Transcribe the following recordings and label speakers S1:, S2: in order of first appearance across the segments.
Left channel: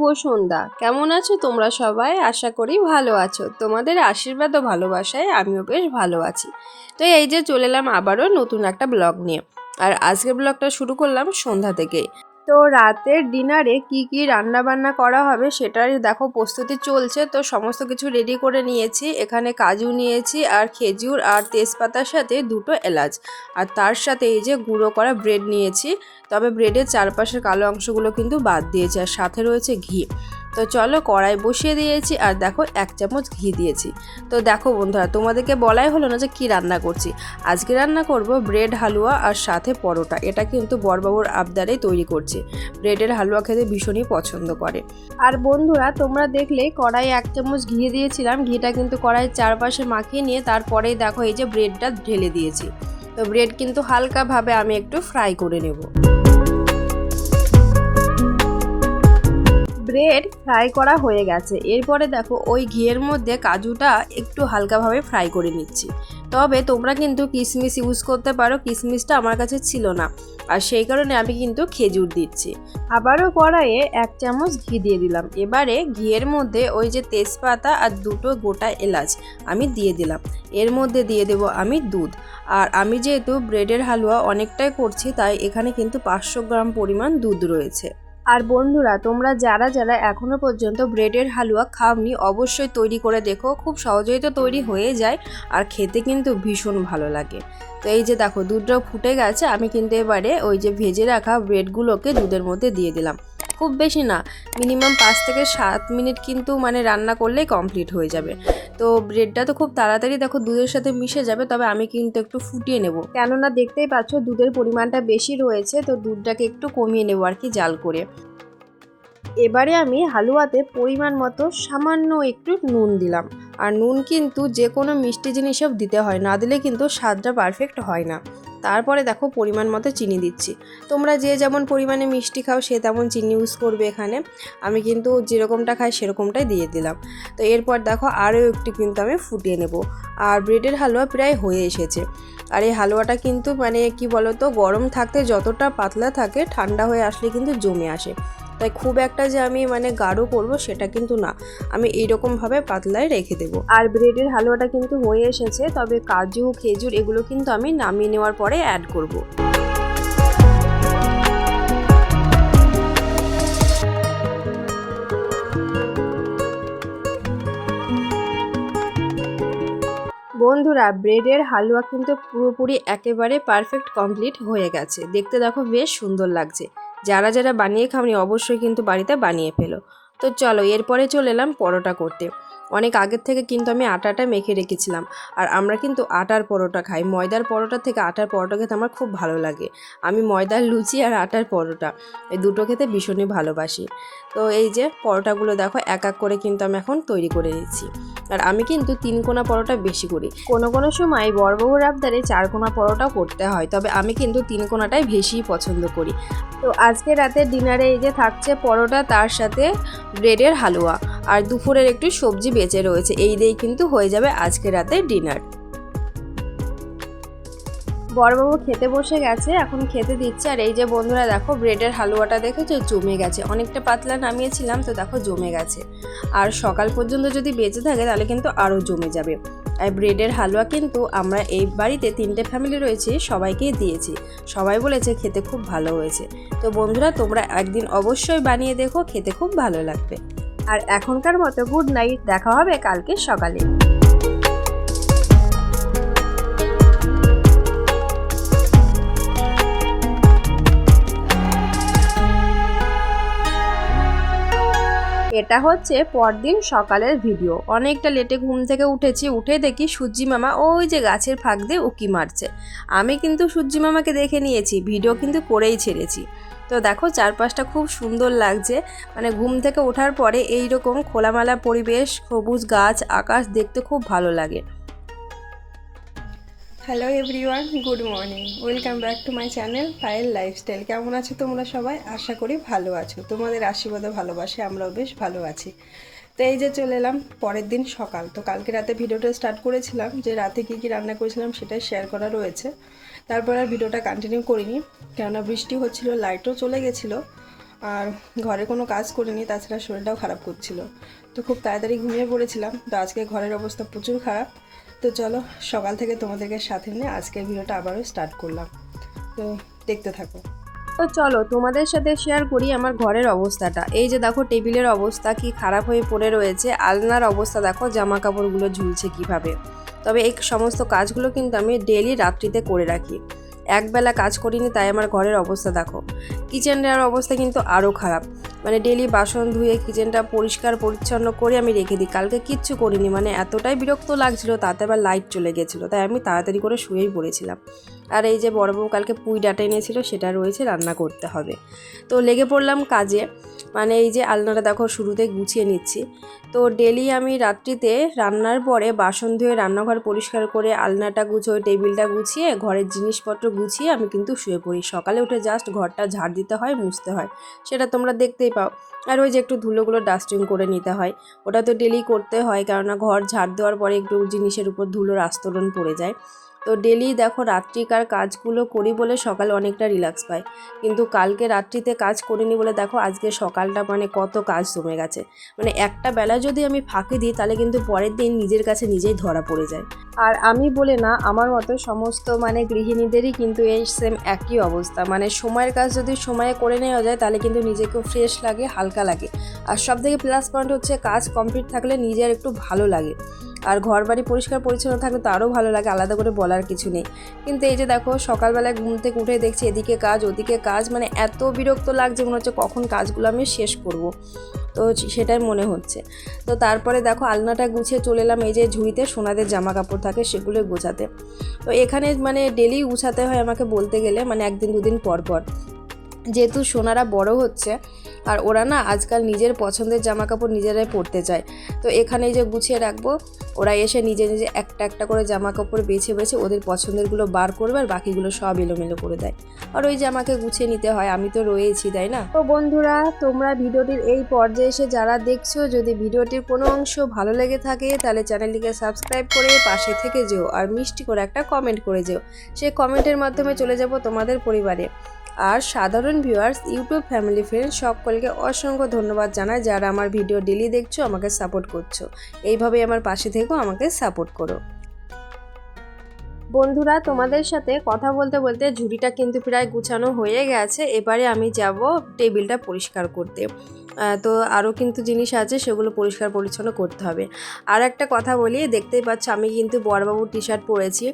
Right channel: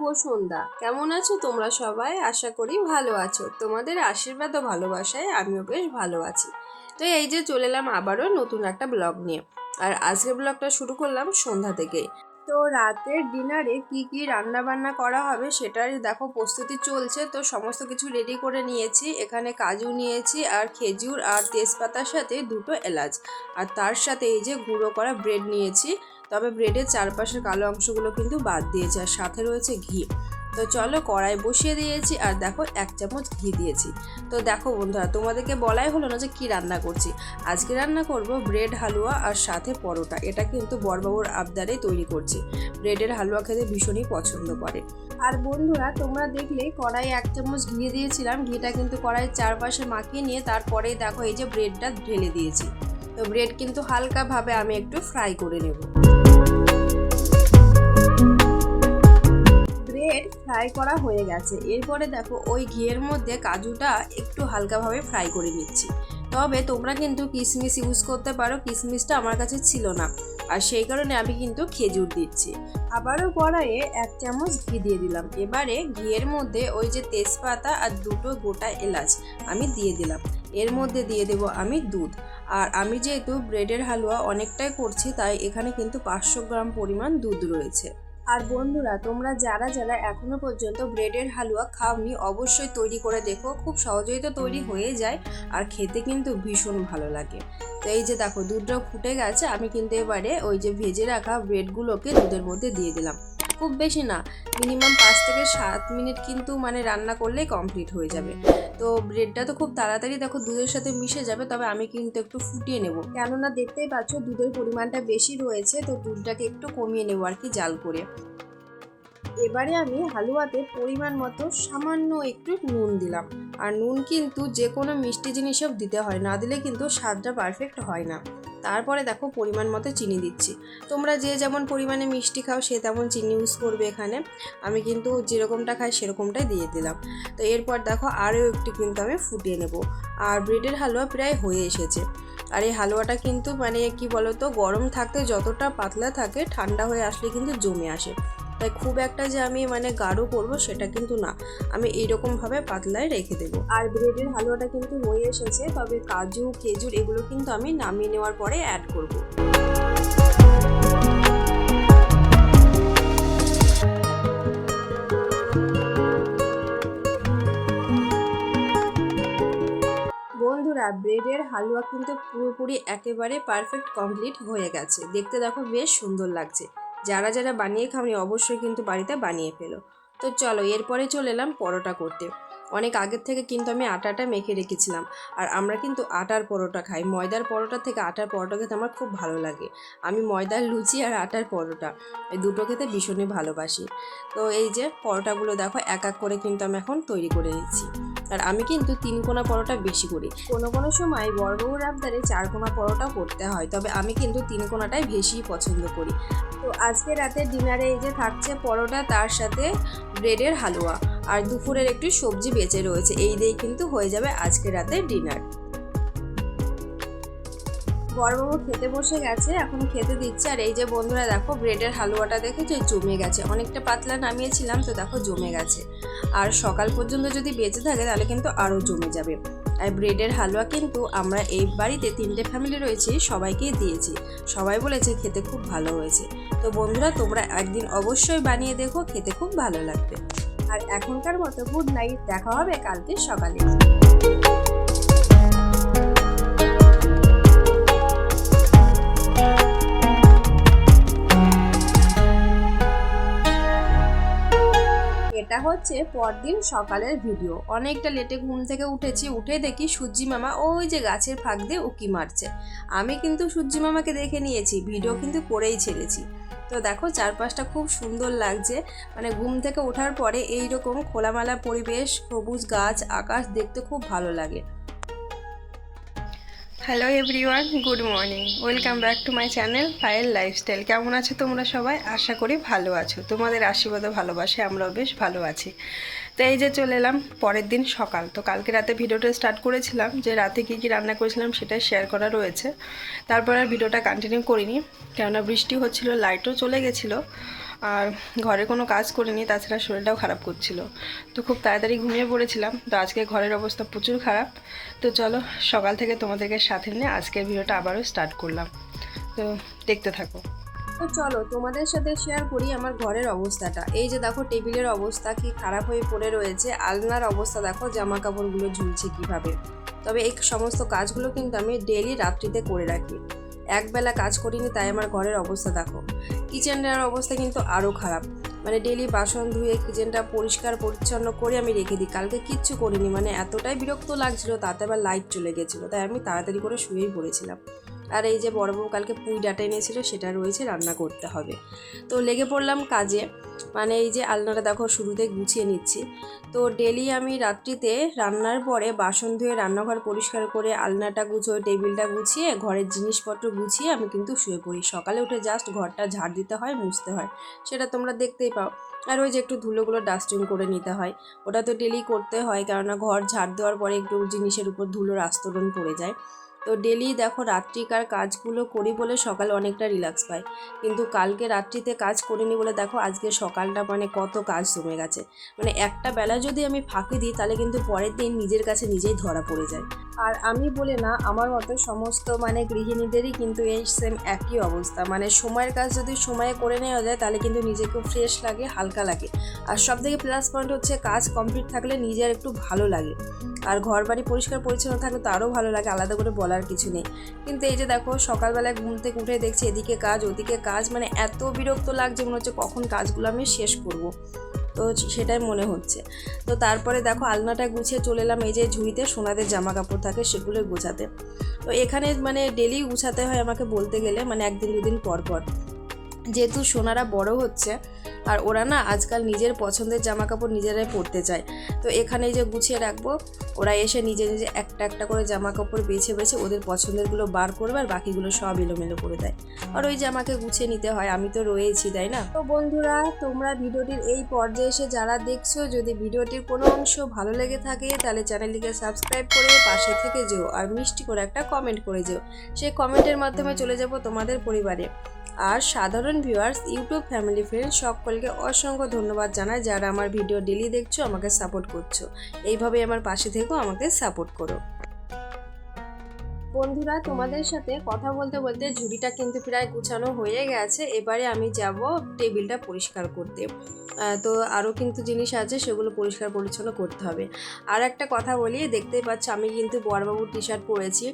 S1: শুভ সন্ধ্যা। কেমন আছো তোমরা সবাই? আশা করি ভালো আছো। তোমাদের আশীর্বাদ ও ভালোবাসায় আমিও বেশ ভালো আছি। তো এই যে চলে এলাম আবারও নতুন একটা ব্লগ নিয়ে। আর আজকের ব্লগটা শুরু করলাম সন্ধ্যা থেকে তো রাতের ডিনারে কি কি রান্না বান্না করা হবে সেটার দেখো, প্রস্তুতি চলছে। তো সমস্ত কিছু রেডি করে নিয়েছি। এখানে কাজু নিয়েছি আর খেজুর আর তেজপাতার সাথে দুটো এলাচ। আর তার সাথে এই যে গুঁড়ো করা ব্রেড নিয়েছি। তবে ব্রেডের চারপাশের কালো অংশগুলো কিন্তু বাদ দিয়েছি আর সাথে রয়েছে ঘি। তো চলো কড়াই বসিয়ে দিয়েছি আর দেখো এক চামচ ঘি দিয়েছি। তো দেখো বন্ধুরা, তোমাদেরকে বলাই হলো না যে কি রান্না করছি। আজকে রান্না করব ব্রেড হালুয়া আর সাথে পরোটা। এটা কিন্তু বরবাবুর আবদারে তৈরি করছি। ব্রেডের হালুয়া খেতে ভীষণই পছন্দ করে। আর বন্ধুরা, তোমরা দেখলে কড়াই এক চামচ ঘি দিয়েছিলাম। ঘিটা কিন্তু কড়াইয়ের চারপাশে মাখিয়ে নিয়ে তারপরেই দেখো এই যে ব্রেডটা ঢেলে দিয়েছি। তো ব্রেড কিন্তু হালকাভাবে আমি একটু ফ্রাই করে নেব। ব্রেড ফ্রাই করা হয়ে গেছে। এরপরে দেখো, ওই ঘিয়ের মধ্যে কাজুটা একটু হালকাভাবে ফ্রাই করে নিচ্ছি। তবে তোমরা কিন্তু কিশমিশ ইউজ করতে পারো, কিশমিশটা আমার কাছে ছিল না। আর সেই কারণে আমি কিন্তু খেজুর দিচ্ছি। আবারও কড়াইয়ে এক চামচ ঘি দিয়ে দিলাম। এবারে ঘিয়ের মধ্যে ওই যে তেজপাতা আর দুটো গোটা এলাচ আমি দিয়ে দিলাম। এর মধ্যে দিয়ে দেব আমি দুধ। আর আমি যেহেতু ব্রেডের হালুয়া অনেকটাই করছি, তাই এখানে কিন্তু পাঁচশো গ্রাম পরিমাণ দুধ রয়েছে। আর বন্ধুরা, তোমরা যারা যারা এখনও পর্যন্ত ব্রেডের হালুয়া খাওনি, অবশ্যই তৈরি করে দেখো। খুব সহজেই তো তৈরি হয়ে যায় আর খেতে কিন্তু ভীষণ ভালো লাগে। তো এই যে দেখো, দুধটা ফুটে গেছে, আমি কিন্তু এবারে ওই যে ভেজে রাখা ব্রেডগুলোকে দুধের মধ্যে দিয়ে দিলাম। খুব বেশি না। মিনিমাম পাঁচ থেকে সাত মিনিট কিন্তু মানে রান্না করলেই কমপ্লিট হয়ে যাবে। তো ব্রেডটা তো খুব তাড়াতাড়ি দেখো দুধের সাথে মিশে যাবে, তবে আমি কিন্তু একটু ফুটিয়ে নেব। কেননা দেখতেই পাচ্ছ দুধের পরিমাণটা বেশি রয়েছে, তো দুধটাকে একটু কমিয়ে নেব আর কি জাল করে। এবারে আমি হালুয়াতে পরিমাণ মতো সামান্য একটু নুন দিলাম। আর নুন কিন্তু যে কোনো মিষ্টি জিনিসও দিতে হয়, না দিলে কিন্তু স্বাদটা পারফেক্ট হয় না। তারপরে দেখো পরিমাণ মতো চিনি দিচ্ছি। তোমরা যে যেমন পরিমাণে মিষ্টি খাও, সে তেমন চিনি ইউজ করবে এখানে। আমি কিন্তু যেরকমটা খাই, সেরকমটাই দিয়ে দিলাম। তো এরপর দেখো আরও একটু কিন্তু আমি ফুটিয়ে নেব। আর ব্রেডের হালুয়া প্রায় হয়ে এসেছে। আর এই হালুয়াটা কিন্তু মানে কি বলতো, গরম থাকতে যতটা পাতলা থাকে, ঠান্ডা হয়ে আসলে কিন্তু জমে আসে। তাই খুব একটা যে আমি মানে গাঢ় করব সেটা কিন্তু না। আমি এইরকমভাবে পাতলায় রেখে দেবো। আর ব্রেডের হালুয়াটা কিন্তু হয়ে এসেছে, তবে কাজু, খেজুর এগুলো কিন্তু আমি নামিয়ে নেওয়ার পরে অ্যাড করব। বন্ধুরা ব্রেডের হালুয়া কিন্তু পুরোপুরি একেবারে পারফেক্ট কমপ্লিট হয়ে গেছে। দেখতে দেখো বেশ সুন্দর লাগছে। যারা যারা বানিয়ে খাওনি অবশ্যই কিন্তু বাড়িতে বানিয়ে ফেলো। তো চলো, এরপরে চলে এলাম পরোটা করতে। অনেক আগের থেকে কিন্তু আমি আটাটা মেখে রেখেছিলাম। আর আমরা কিন্তু আটার পরোটা খাই। ময়দার পরোটা থেকে আটার পরোটা খেতে আমার খুব ভালো লাগে। আমি ময়দার লুচি আর আটার পরোটা, এই দুটো খেতে ভীষণই ভালোবাসি। তো এই যে পরোটাগুলো দেখো, এক এক করে কিন্তু আমি এখন তৈরি করে নিচ্ছি। আর আমি কিন্তু তিন কোনা পরোটা বেশি করি। কোনো কোনো সময় বড়বহুর আবদারে চার কোনা পরোটাও করতে হয়, তবে আমি কিন্তু তিন কোনাটাই বেশিই পছন্দ করি। তো আজকে রাতের ডিনারে এই যে থাকছে পরোটা, তার সাথে ব্রেডের হালুয়া। আর দুপুরের একটু সবজি বেঁচে রয়েছে। এই দিয়েই কিন্তু হয়ে যাবে আজকে রাতের ডিনার। বড়বাবু খেতে বসে গেছে, এখন খেতে দিচ্ছে। আর এই যে বন্ধুরা, দেখো, ব্রেডের হালুয়াটা দেখো যে জমে গেছে। অনেকটা পাতলা নামিয়েছিলাম, তো দেখো জমে গেছে। আর সকাল পর্যন্ত যদি বেঁচে থাকে, তাহলে কিন্তু আরও জমে যাবে। আর ব্রেডের হালুয়া কিন্তু আমরা এই বাড়িতে তিনটে ফ্যামিলি রয়েছে, সবাইকেই দিয়েছি। সবাই বলেছে খেতে খুব ভালো হয়েছে। তো বন্ধুরা, তোমরা একদিন অবশ্যই বানিয়ে দেখো, খেতে খুব ভালো লাগবে। আর এখনকার মতো গুড নাইট দেখা হবে কালকে সকালে। এটা হচ্ছে পরদিন সকালের ভিডিও অনেকটা লেটে ঘুম থেকে উঠেছি, উঠে দেখি সূর্যি মামা ওই যে গাছের ফাঁক দিয়ে উকি মারছে। আমি কিন্তু সূর্যি মামাকে দেখে নিয়েছি ভিডিও কিন্তু করেই ছেড়েছি। তো দেখো চারপাশটা খুব সুন্দর লাগছে। মানে ঘুম থেকে ওঠার পরে এই রকম খোলামেলা পরিবেশ, সবুজ গাছ, আকাশ দেখতে খুব ভালো লাগে। Hello everyone good morning welcome back to my channel file lifestyle কেমন আছো তোমরা সবাই? আশা করি ভালো আছো। তোমাদের আশীর্বাদও ভালোবাসে আমরাও বেশ ভালো আছি। তো এই যে চলে এলাম পরের দিন সকাল। তো কালকে রাতে ভিডিওটা স্টার্ট করেছিলাম যে রাতে কী কী রান্না করেছিলাম সেটাই শেয়ার করা রয়েছে। তারপর আর ভিডিওটা কন্টিনিউ করিনি, কেননা বৃষ্টি হচ্ছিল লাইটও চলে গেছিল, আর ঘরে কোনো কাজ করিনি, তাছাড়া শরীরটাও খারাপ করছিল। তো খুব তাড়াতাড়ি ঘুমিয়ে পড়েছিলাম, তো আজকে ঘরের অবস্থা প্রচুর খারাপ। তো চলো সকাল থেকে তোমাদেরকে সাথে নিয়ে আজকের ভিডিওটা আবারও স্টার্ট করলাম। তো দেখতে থাকো। তো চলো তোমাদের সাথে শেয়ার করি আমার ঘরের অবস্থাটা। এই যে দেখো টেবিলের অবস্থা কি খারাপ হয়ে পড়ে রয়েছে। আলনার অবস্থা দেখো জামা কাপড়গুলো ঝুলছে কীভাবে। তবে এই সমস্ত কাজগুলো কিন্তু আমি ডেলি রাত্রিতে করে রাখি। একবেলা কাজ করিনি, তাই আমার ঘরের অবস্থা দেখো। কিচেনের অবস্থা কিন্তু আরও খারাপ। মানে ডেলি বাসন ধুয়ে কিচেনটা পরিষ্কার পরিচ্ছন্ন করে আমি রেখে দিই। কালকে কিচ্ছু করিনি মানে এতটাই বিরক্ত লাগছিল, তাতে আবার লাইট চলে গেছিল, তাই আমি তাড়াতাড়ি করে শুয়েই পড়েছিলাম। আর এই যে বড়বাবু কালকে পুঁই ডাটা এনেছিল, সেটা রয়েছে, রান্না করতে হবে। তো লেগে পড়লাম কাজে মানে এই যে আলনাটা দেখো শুরুতে গুছিয়ে নিচ্ছি। তো ডেলি আমি রাত্রিতে রান্নার পরে বাসন ধুয়ে রান্নাঘর পরিষ্কার করে আলনাটা গুছিয়ে, টেবিলটা গুছিয়ে, ঘরের জিনিসপত্র গুছিয়ে আমি কিন্তু শুয়ে পড়ি। সকালে উঠে জাস্ট ঘরটা ঝাড় দিতে হয়, মুছতে হয়, সেটা তোমরা দেখতেই পাও। আর ওই যে একটু ধুলোগুলো ডাস্টিং করে নিতে হয়, ওটা তো ডেলি করতে হয়, কেননা ঘর ঝাড় দেওয়ার পরে একটু জিনিসের উপর ধুলোর আস্তরণ পড়ে যায়। তো ডেলি দেখো রাত্রিকার কাজগুলো করি বলে সকালে অনেকটা রিল্যাক্স পাই। কিন্তু কালকে রাত্রিতে কাজ করিনি বলে দেখো আজকে সকালটা মানে কত কাজ জমে গেছে। মানে একটা বেলা যদি আমি ফাঁকি দিই তাহলে কিন্তু পরের দিন নিজের কাছে নিজেই ধরা পড়ে যায়। আর আমি বলে না, আমার মতো সমস্ত মানে গৃহিণীদেরই কিন্তু এই সেম একই অবস্থা। মানে সময়ের কাজ যদি সময়ে করে নেওয়া যায়, তাহলে কিন্তু নিজেকেও ফ্রেশ লাগে, হালকা লাগে। আর সব থেকে প্লাস পয়েন্ট হচ্ছে কাজ কমপ্লিট থাকলে নিজের একটু ভালো লাগে। আর ঘর বাড়ি পরিষ্কার পরিচ্ছন্ন থাকলে তো আরও ভালো লাগে, আলাদা করে বলার কিছু নেই। কিন্তু এই যে দেখো, সকালবেলায় ঘুম থেকে উঠে দেখছি এদিকে কাজ, ওদিকে কাজ মানে এত বিরক্ত লাগছে মনে হচ্ছে কখন কাজগুলো আমি শেষ করব। তো সেটাই মনে হচ্ছে। তো তারপরে দেখো আলনাটা গুছিয়ে চলে এলাম এই যে ঝুড়িতে সোনাদের জামা কাপড় থাকে সেগুলো গোছাতে। তো এখানে মানে ডেলি গুছাতে হয় আমাকে বলতে গেলে মানে একদিন দুদিন পর পর। যেহেতু সোনারা বড় হচ্ছে, আর ওরা না আজকাল নিজের পছন্দের জামা কাপড় নিজেরাই পরতে চায়। তো এখানে যে গুছিয়ে রাখব, ওরা এসে নিজে নিজে একটা একটা করে জামা কাপড় বেছে বেছে ওদের পছন্দেরগুলো বার করবে আর বাকিগুলো সব এলোমেলো করে দেয়। আর ওই জামাকে গুছিয়ে নিতে হয়, আমি তো রয়েছি, তাই না? তো বন্ধুরা, তোমরা ভিডিওটির এই পর্যায়ে এসে যারা দেখছ, যদি ভিডিওটির কোনো অংশ ভালো লেগে থাকে, তাহলে চ্যানেলটিকে সাবস্ক্রাইব করে পাশে থেকে যেও, আর মিষ্টি করে একটা কমেন্ট করে যেও। সেই কমেন্টের মাধ্যমে চলে যাব তোমাদের পরিবারে। আর সাধারণ ভিউয়ার্স ইউটিউব ফ্যামিলি ফ্রেন্ড সকলকে অসংখ্য ধন্যবাদ জানাই যারা আমার ভিডিও ডেলি দেখছ, আমাকে সাপোর্ট করছ। এইভাবেই আমার পাশে থেকেও আমাকে সাপোর্ট করো। বন্ধুরা, তোমাদের সাথে কথা বলতে বলতে ঝুড়িটা কিন্তু প্রায় গুছানো হয়ে গেছে। এবারে আমি যাব টেবিলটা পরিষ্কার করতে। তো আরও কিন্তু জিনিস আছে, সেগুলো পরিষ্কার পরিচ্ছন্ন করতে হবে। আর একটা কথা বলি, দেখতেই পাচ্ছ আমি কিন্তু বড়বাবুর টি শার্ট পরেছি।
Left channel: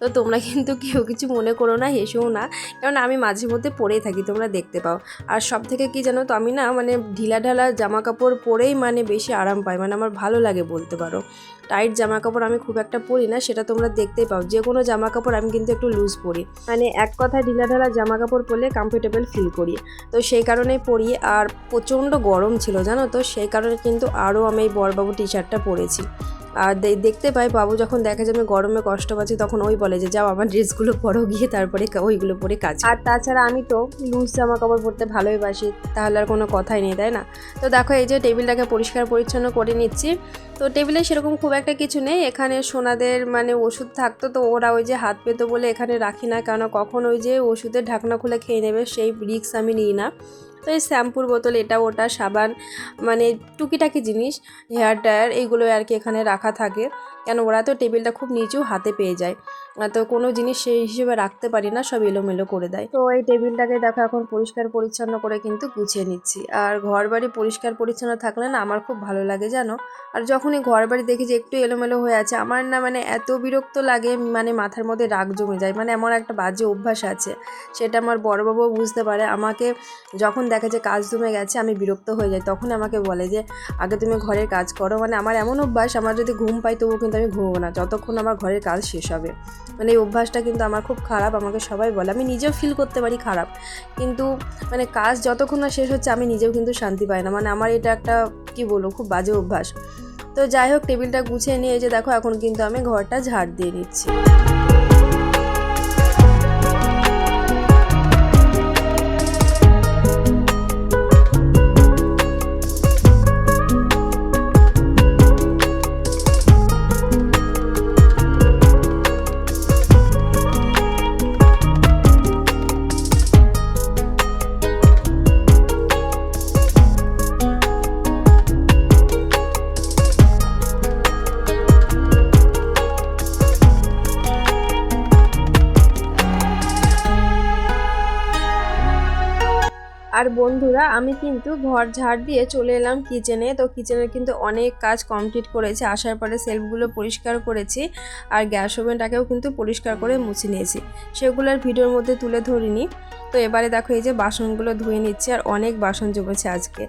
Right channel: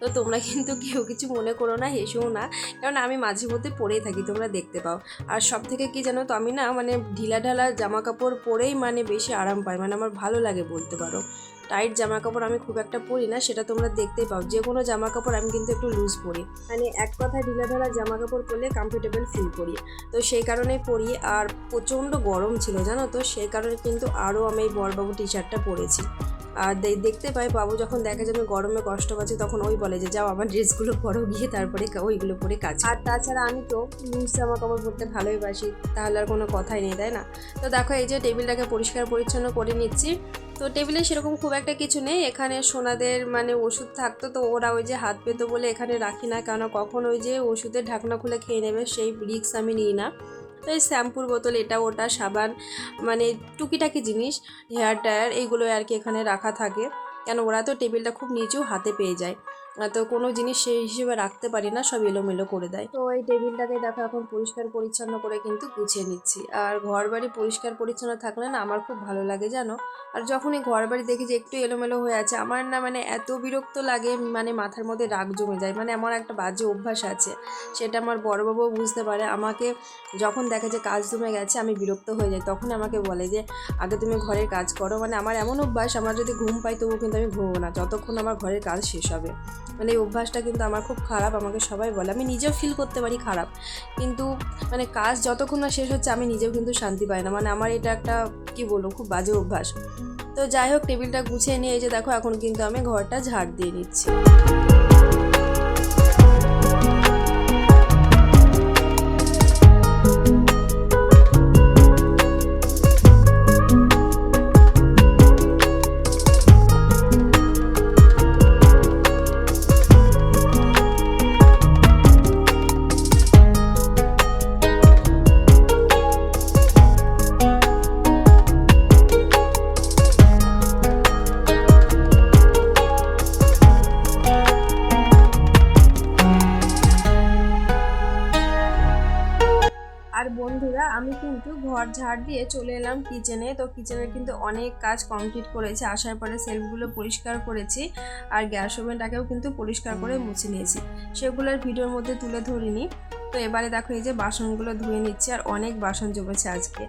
S1: তো তোমরা কিন্তু কেউ কিছু মনে করো না, হেসেও না। কারণ আমি মাঝে মধ্যে পরেই থাকি, তোমরা দেখতে পাও। আর সব থেকে কী জানো তো, আমি না মানে ঢিলা ঢালা জামা কাপড় পরেই মানে বেশি আরাম পাই। মানে আমার ভালো লাগে বলতে পারো। টাইট জামা কাপড় আমি খুব একটা পরি না, সেটা তোমরা দেখতেই পাও। যে কোনো জামা কাপড় আমি কিন্তু একটু লুজ পরি। মানে এক কথা ঢিলা ঢালা জামা কাপড় পরলে কমফোর্টেবল ফিল করি। তো সেই কারণেই পরি, আর প্রচণ্ড গরম ছিল জানো তো, সেই কারণে কিন্তু আরও আমি এই বরবাবু টি শার্টটা পরেছি। আর দেখতে পাই বাবু যখন দেখে যে আমি গরমে কষ্ট পাচ্ছি, তখন ওই বলে যে, যাও আমার ড্রেসগুলো পরো গিয়ে, তারপরে ওইগুলো পরে কাজ আর তাছাড়া আমি তো লুজ জামা কাপড় পরতে ভালোই বাসি তাহলে আর কোনো কথাই নেই, তাই না? তো দেখো, এই যে টেবিলটাকে পরিষ্কার পরিচ্ছন্ন করে নিচ্ছি। তো টেবিলে সেরকম খুব একটা কিছু নেই, এখানে সোনাদের মানে ওষুধ থাকতো, তো ওরা ওই যে হাত পেতো বলে এখানে রাখি না, কেন কখন ওই যে ওষুধের ঢাকনা খুলে খেয়ে নেবে, সেই রিক্স আমি নিই না। তো এই শ্যাম্পুর বোতল, এটা, ওটা, সাবান মানে টুকিটাকি জিনিস, হেয়ার ড্রায়ার এইগুলো আর কি এখানে রাখা থাকে। কেন, ওরা তো টেবিলটা খুব নিচু হাতে পেয়ে যায়। তো কোনো জিনিস সেই হিসেবে রাখতে পারি না, সব এলোমেলো করে দেয়। তো এই টেবিলটাকে দেখো, এখন পরিষ্কার পরিচ্ছন্ন করে কিন্তু গুছিয়ে নিচ্ছি। আর ঘর বাড়ি পরিষ্কার পরিচ্ছন্ন থাকলে না আমার খুব ভালো লাগে, জানো? আর যখনই ঘর বাড়ি দেখি যে একটু এলোমেলো হয়ে আছে, আমার না মানে এত বিরক্ত লাগে মানে মাথার মধ্যে রাগ জমে যায়। মানে আমার একটা বাজে অভ্যাস আছে, সেটা আমার বড়বাবুও বুঝতে পারে। আমাকে যখন দেখে যে কাজ জমে গেছে, আমি বিরক্ত হয়ে যাই, তখন আমাকে বলে যে, আগে তুমি ঘরের কাজ করো। মানে আমার এমন অভ্যাস, আমার যদি ঘুম পাই তবুও কিন্তু আমি ঘুমবো না, যতক্ষণ আমার ঘরের কাজ শেষ হবে। মানে এই অভ্যাসটা কিন্তু আমার খুব খারাপ, আমাকে সবাই বলে। আমি নিজেও ফিল করতে পারি খারাপ। কিন্তু মানে কাজ যতক্ষণ না শেষ হচ্ছে, আমি নিজেও কিন্তু শান্তি পাই না। মানে আমার এটা একটা, কি বলব, খুব বাজে অভ্যাস। তো যাই হোক, টেবিলটা গুছিয়ে নিয়ে এই যে দেখো, এখন কিন্তু আমি ঘরটা ঝাড় দিয়ে নিচ্ছি। আমি কিন্তু ঘর ঝাড় দিয়ে চলে এলাম কিচেনে তো কিচেনে কিন্তু অনেক কাজ কমপ্লিট করেছি। আসার পরে সেলফগুলো পরিষ্কার করেছি আর গ্যাস ওভেনটাকেও কিন্তু পরিষ্কার করে মুছে নিয়েছি। সেগুলোর ভিডিওর মধ্যে তুলে ধরিনি। তো এবারে দেখো এই যে বাসনগুলো ধুয়ে নিচ্ছে আর অনেক বাসন জমেছে আজকে।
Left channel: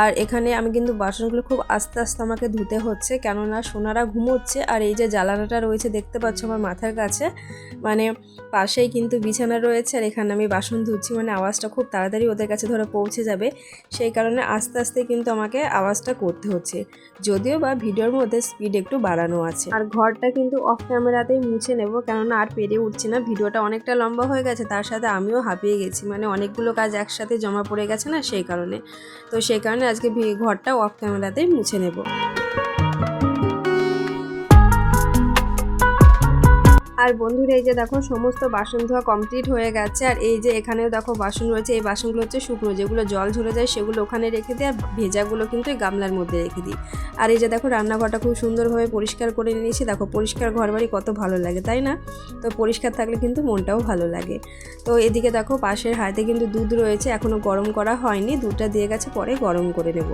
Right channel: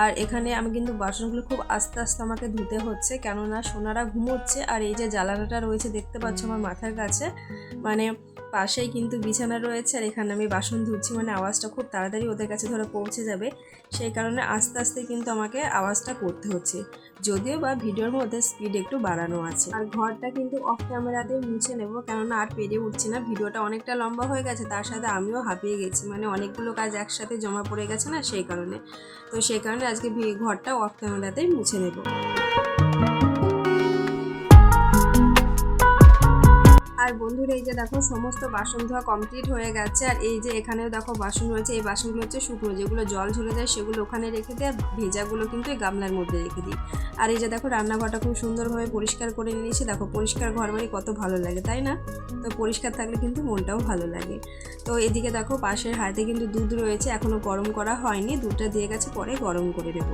S1: আর এখানে আমি কিন্তু বাসনগুলো খুব আস্তে আস্তে আমাকে ধুতে হচ্ছে। কেননা সোনারা ঘুমোচ্ছে আর এই যে জ্বালানাটা রয়েছে দেখতে পাচ্ছ আমার মাথার কাছে। মানে পাশেই কিন্তু বিছানা রয়েছে আর এখানে আমি বাসন ধুচ্ছি। মানে আওয়াজটা খুব তাড়াতাড়ি ওদের কাছে ধরে পৌঁছে যাবে। সেই কারণে আস্তে আস্তে কিন্তু আমাকে আওয়াজটা করতে হচ্ছে। যদিও বা ভিডিওর মধ্যে স্পিড একটু বাড়ানো আছে। আর ঘরটা কিন্তু অফ ক্যামেরাতেই মুছে নেব, কেননা আর পেরে উঠছে না। ভিডিওটা অনেকটা লম্বা হয়ে গেছে, তার সাথে আমিও হাঁপিয়ে গেছি। মানে অনেকগুলো কাজ একসাথে জমা পড়ে গেছে না, সেই কারণে। তো সেই কারণে আজকে ঘরটা অফ ক্যামেরাতেই মুছে নেব। আর বন্ধুরা, এই যে দেখো সমস্ত বাসন ধোয়া কমপ্লিট হয়ে গেছে। আর এই যে এখানেও দেখো বাসন রয়েছে, এই বাসনগুলো হচ্ছে শুকনো। যেগুলো জল ঝরে যায় সেগুলো ওখানে রেখে দিই আর ভেজাগুলো কিন্তু এই গামলার মধ্যে রেখে দিই। আর এই যে দেখো রান্নাঘরটা খুব সুন্দরভাবে পরিষ্কার করে নিয়েছি। দেখো পরিষ্কার ঘর বাড়ি কত ভালো লাগে, তাই না? তো পরিষ্কার থাকলে কিন্তু মনটাও ভালো লাগে। তো এদিকে দেখো পাশের হাতে কিন্তু দুধ রয়েছে এখনও গরম করা হয়নি। দুধটা দিয়ে গেছে, পরে গরম করে নেব।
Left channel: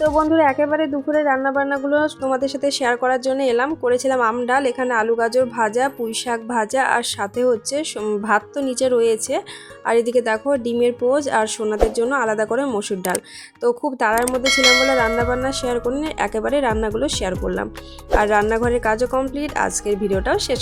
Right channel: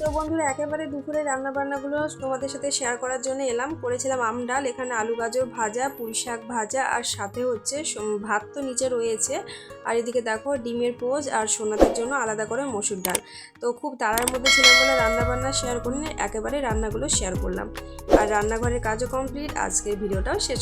S1: তো বন্ধুরা, একেবারে দুপুরে রান্না বান্নাগুলো তোমাদের সাথে শেয়ার করার জন্য এলাম। করেছিলাম আম ডাল, এখানে আলু গাজর ভাজা, পুঁই শাক ভাজা, আর সাথে হচ্ছে ভাত তো নিচে রয়েছে। আর এদিকে দেখো ডিমের পোজ আর সোনাদের জন্য আলাদা করে মসুর ডাল। তো খুব তাড়ার মধ্যে ছিলাম বলে রান্নাবান্না শেয়ার করিনি, একেবারে রান্নাগুলো শেয়ার করলাম। আর রান্নাঘরের কাজও কমপ্লিট আজকের ভিডিওটাও শেষ